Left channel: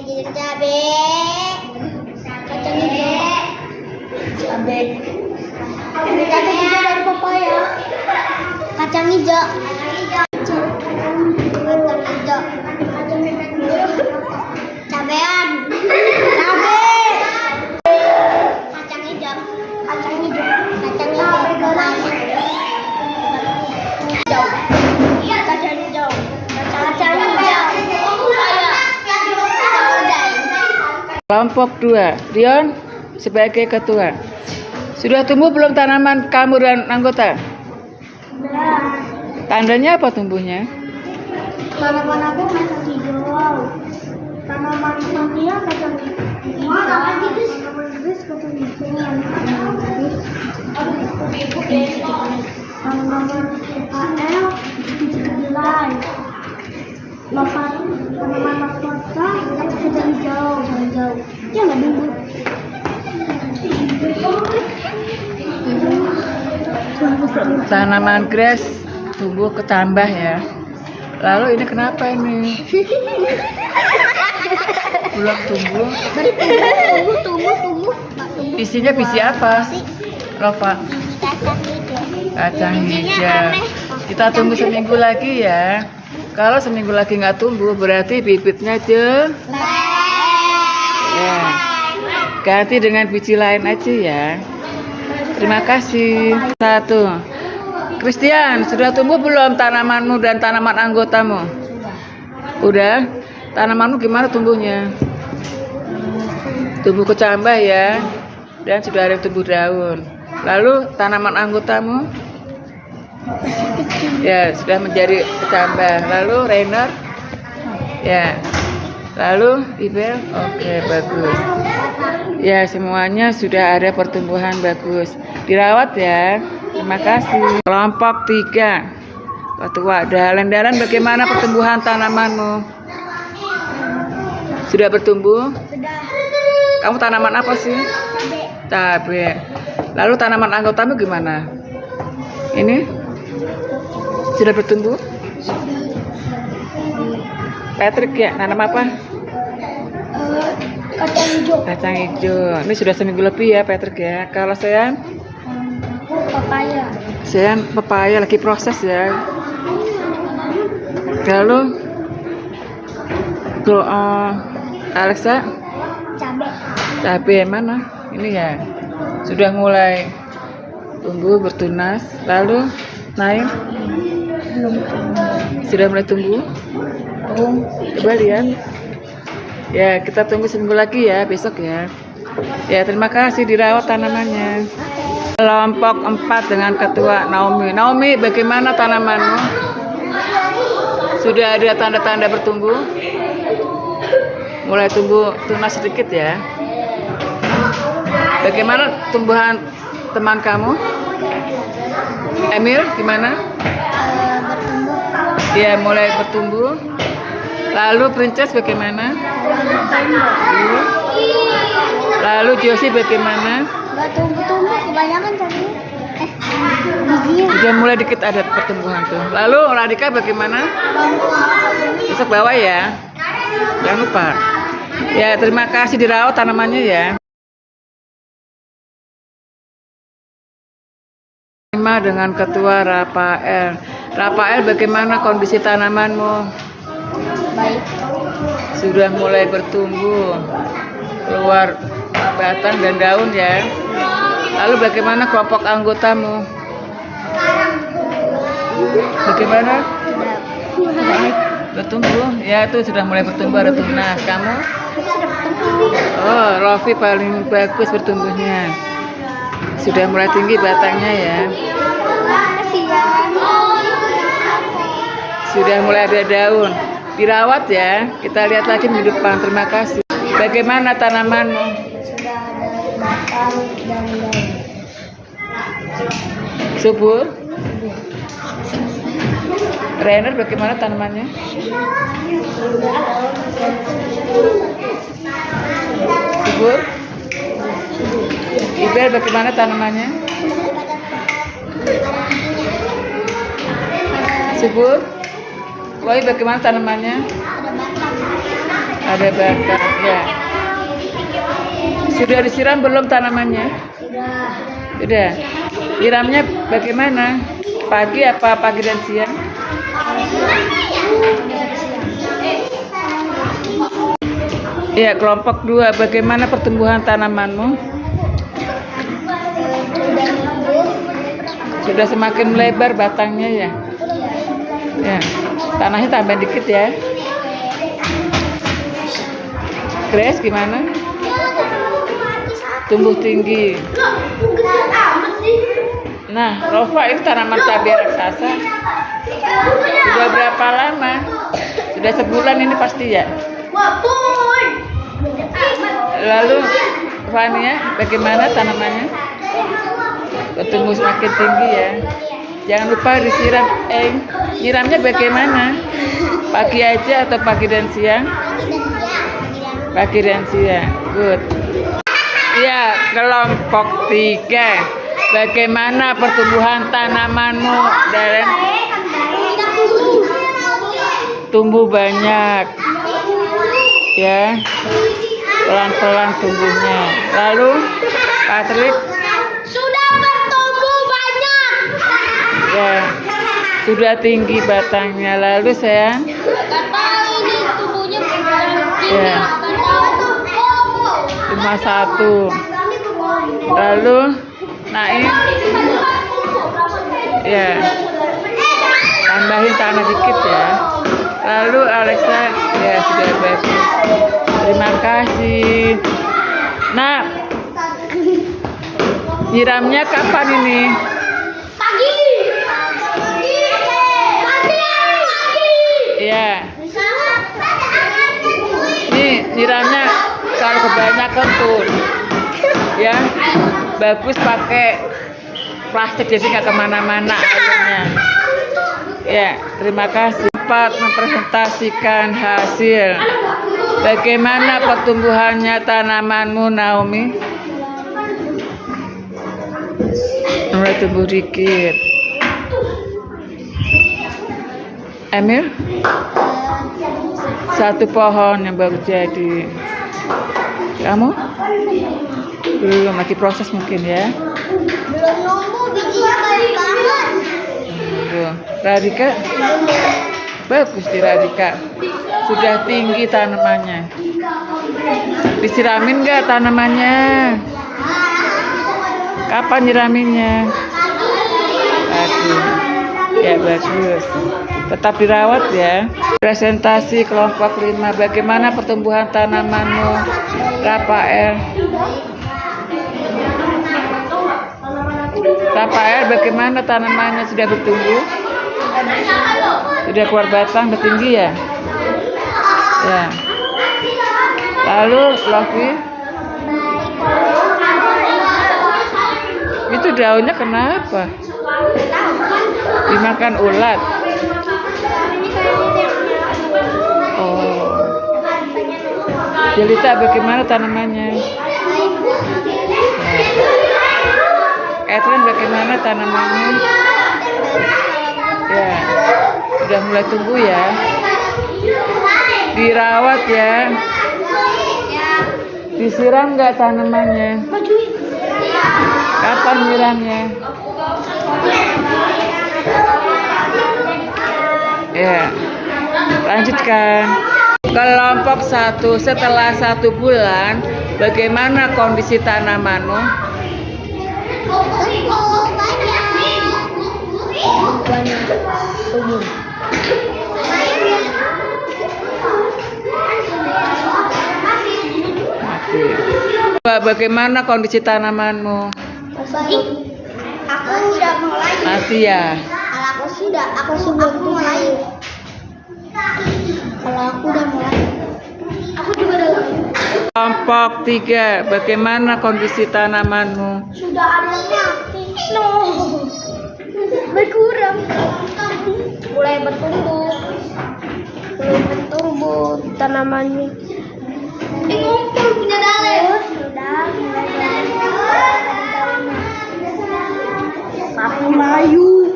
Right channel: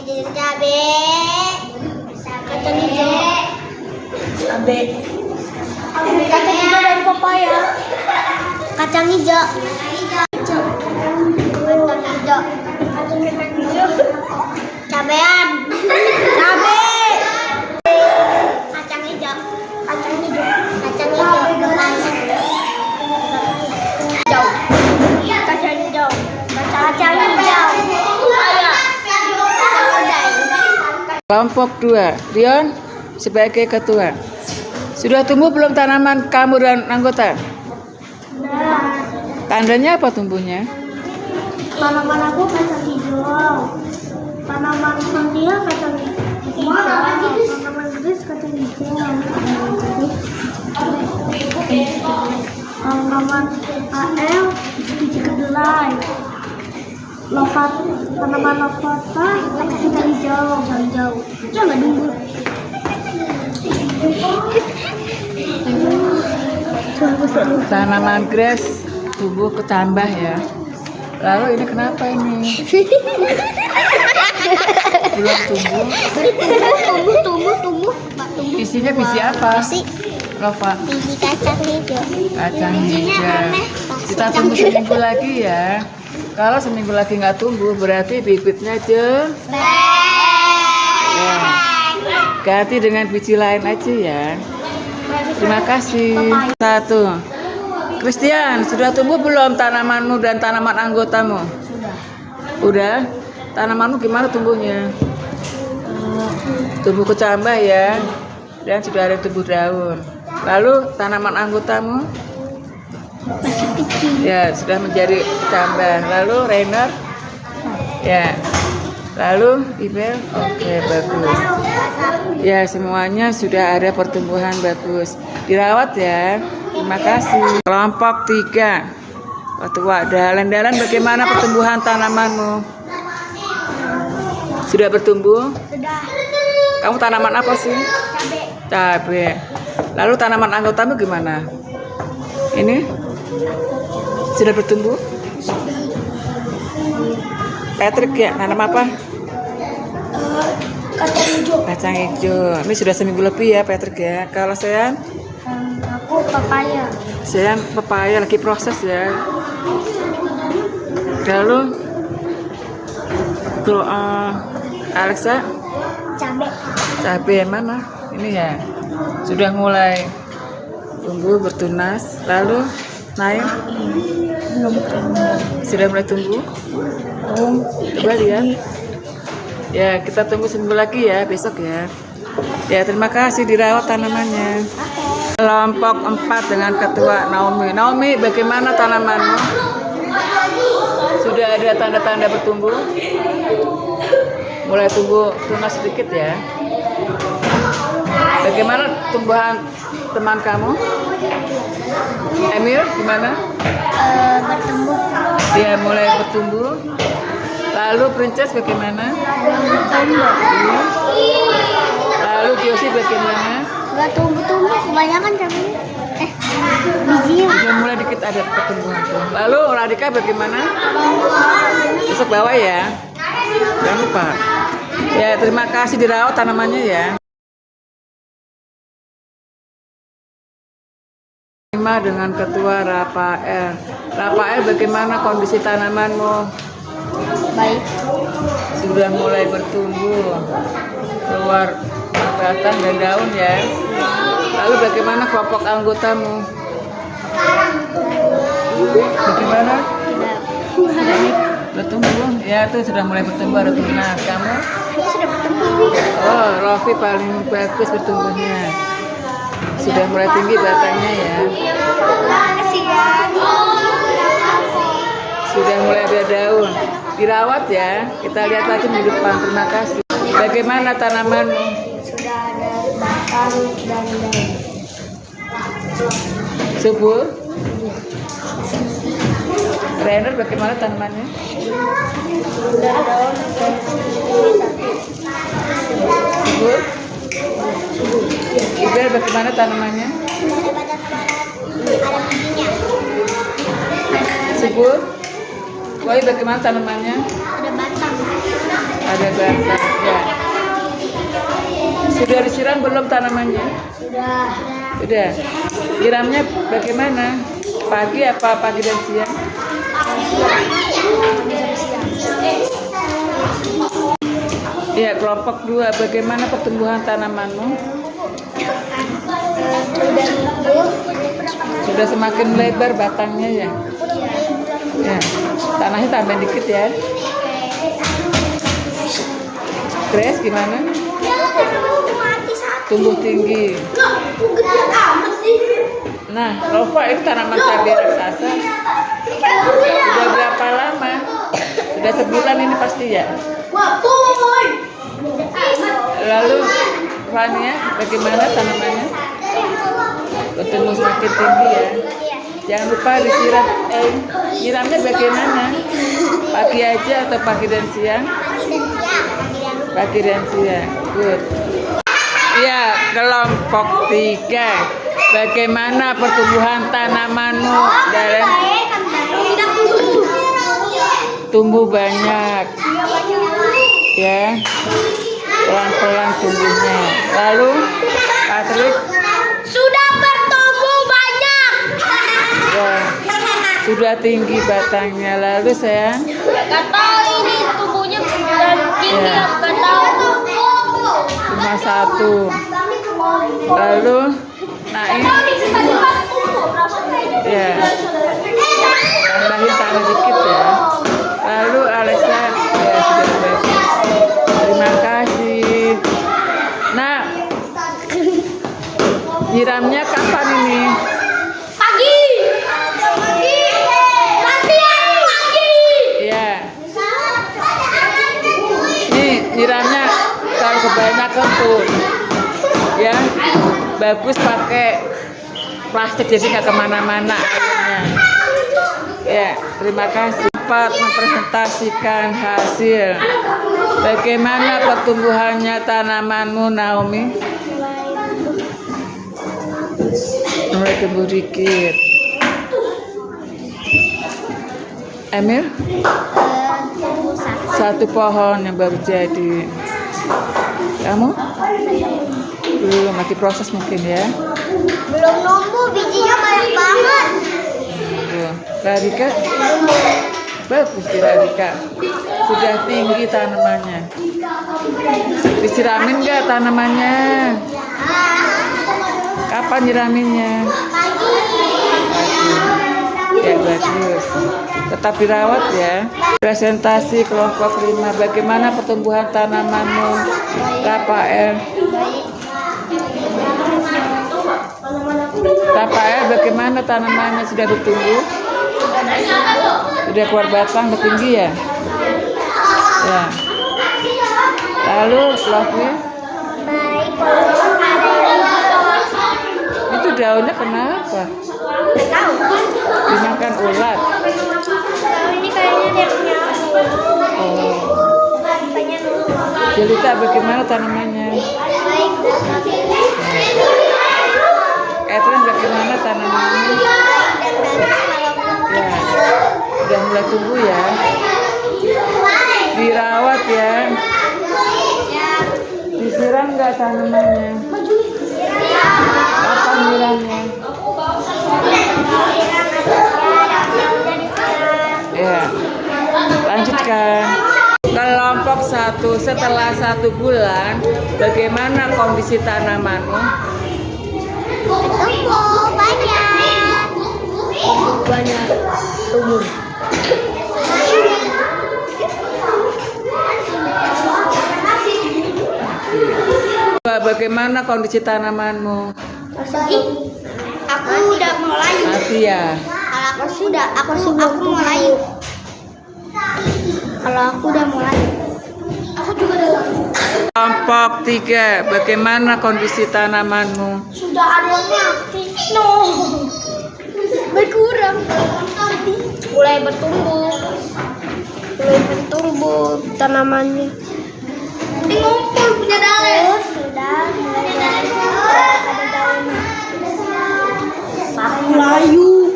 Kacang hijau. Cabe. Kacang hijau dari pepaya. Kacang hijau. Kacang hijau. Cabean. Cabe. Kacang hijau. Kacang hijau. Kacang hijau. Kacang hijau. Kacang hijau. Kelompok 2, Rion sebagai ketua. Sudah tumbuh belum tanaman kamu dan anggota? Tandanya apa tumbuhnya? Tanaman aku kacang hijau. Tanaman dia kacang hijau. Tanaman Grace kacang hijau. Tanaman AL biji kedelai. Tanaman lavata kacang hijau. Ya nggak dulu. Tanaman Grace tumbuh ketambah ya. Lalu ini kenapa ini? Belum tumbuh. Tumbuh. Isinya biji apa? Lova. Biji Kacang hijau. Kita tunggu seminggu lagi ya. Kalau seminggu lagi nggak tumbuh, berarti bibitnya jelek. Ya. Ganti dengan biji lain aja ya. Terima kasih. 1. Christian, sudah tumbuh belum tanamanmu dan tanaman anggotamu? Udah. Tanamanmu gimana tumbuhnya? Tumbuh kecambah ya. Dan sudah ada tumbuh daun. Lalu tanaman anggotamu? Ya, sudah menjadi kecambah. Lalu Rainer? Ya. Lalu Ibel? Oke, bagus. Ya, semuanya sudah ada pertumbuhan bagus. Dirawat ya. Terima kasih. Kelompok 3. Ketua dalan-dalan, bagaimana pertumbuhan tanamanmu? Sudah bertumbuh? Sudah. Kamu tanaman apa sih? Cabe. Lalu tanaman anggotamu gimana? Ini? Sudah bertumbuh? Patrick ya, nanam apa? Kacang hijau. Kacang hijau. Ini sudah seminggu lebih ya Patrick ya. Kalau saya? Aku papaya. Saya pepaya lagi proses ya. Lalu Alexa? Cabe mana? Ini ya. Sudah mulai tumbuh bertunas. Lalu naik? Belum tumbuh. Sudah mulai tumbuh? Coba lihat. Ya, kita tunggu seminggu lagi ya, besok ya. Ya, terima kasih dirawat tanamannya. Kelompok 4 dengan ketua Naomi. Naomi, bagaimana tanamanmu? Sudah ada tanda-tanda bertumbuh? Mulai tumbuh tunas sedikit ya. Bagaimana tumbuhan teman kamu? Emil, gimana? Bertumbuh. Ya, mulai bertumbuh. Lalu Princess bagaimana? Lalu Josie bagaimana? Nggak tumbuh, kebanyakan cabenya. Bijinya. Udah mulai dikit ada pertumbuhan tuh. Lalu Radika bagaimana? Besok bawa ya. Jangan lupa. Ya, terima kasih dirawat tanamannya ya. Dengan ketua Rafael. Rafael, bagaimana kondisi tanamanmu? Baik. Sudah mulai bertumbuh, keluar batang dan daun ya. Lalu bagaimana kelompok anggotamu? Bagaimana? Bertumbuh? Ya, itu sudah mulai bertumbuh, ada tunas. Kamu? Sudah bertumbuh. Oh, Rofi paling bagus bertumbuhnya. Sudah mulai tinggi batangnya ya. Sudah mulai ada daun. Dirawat ya. Kita lihat lagi minggu depan. Terima kasih. Bagaimana tanamanmu? Sudah ada batang dan daun. Subur? Rainer, bagaimana tanamannya? Subur? Ibel, bagaimana tanamannya? Subur? Woi, bagaimana tanamannya? Ada batang. Ya. Sudah disiram belum tanamannya? Sudah. Sudah. Nyiramnya bagaimana? Pagi apa pagi dan siang? Ya, kelompok 2. Bagaimana pertumbuhan tanamanmu? Sudah tumbuh. Sudah semakin lebar batangnya ya? Ya. Tanahnya tambah dikit ya. Grace gimana? Tumbuh tinggi. Nah, Rova itu tanaman cabai raksasa. Sudah berapa lama? Sudah sebulan ini pasti ya? Lalu Fania, bagaimana tanamannya? Tumbuh semakin tinggi ya. Jangan lupa disiram. Nyiramnya bagaimana? Pagi aja atau pagi dan siang? Pagi dan siang. Good. Ya, kelompok 3. Bagaimana pertumbuhan tanamanmu, Darren? Tumbuh banyak. Ya. Pelan-pelan tumbuhnya. Lalu, Patrick? Sudah bertumbuh banyak. Ya. Sudah tinggi batangnya. Lalu, sayang? Kata ini tumbuhnya gini. Ya. Cuma 1. Lalu naik. Ya. Tambahin tanah dikit ya. Lalu Alexa, ya sudah bagus. Terima kasih. Nah, nyiramnya kapan ini? Pagi. Pagi. Ya. Nih nyiramnya kalau kebanyakan tuh, ya bagus pakai plastik jadi nggak kemana-mana airnya. Ya, terima kasih. Dapat mempresentasikan hasil. Bagaimana pertumbuhannya tanamanmu, Naomi? Mulai tumbuh dikit. Emil? 1 pohon yang baru jadi. Kamu? Belum, lagi proses mungkin ya. Belum nunggu, bijinya banyak banget. Radika? Bagus di Radika. Sudah tinggi tanamannya. Disiramin nggak tanamannya? Kapan nyiraminnya? Pagi. Ya bagus. Tetap dirawat ya. Presentasi kelompok 5. Bagaimana pertumbuhan tanamanmu, Rafael? Rafael, bagaimana tanamannya sudah bertumbuh? Sudah keluar batang, bertinggi ya? Ya. Lalu, Lofi? Itu daunnya kenapa? Dimakan ulat. Oh. Jelita, bagaimana tanamannya? Edwin, bagaimana tanamannya? Ya, sudah mulai tumbuh ya. Dirawat ya. Disiram nggak tanamannya? Kapan nyiramnya? Ya, lanjutkan. Kelompok 1, setelah 1 bulan, bagaimana kondisi tanamanmu? Tumbuh banyak. Banyak tumbuh. Bagaimana kondisi tanamanmu? Aku udah mulai. Mati ya. Aku belum mulai. Kalau aku udah mulai. Aku juga udah. Kelompok 3, bagaimana kondisi tanamanmu? Sudah ada yang mati. No. Berkurang. Mulai bertumbuh tanamannya. Sudah mulai ada daunnya. Sapi layu.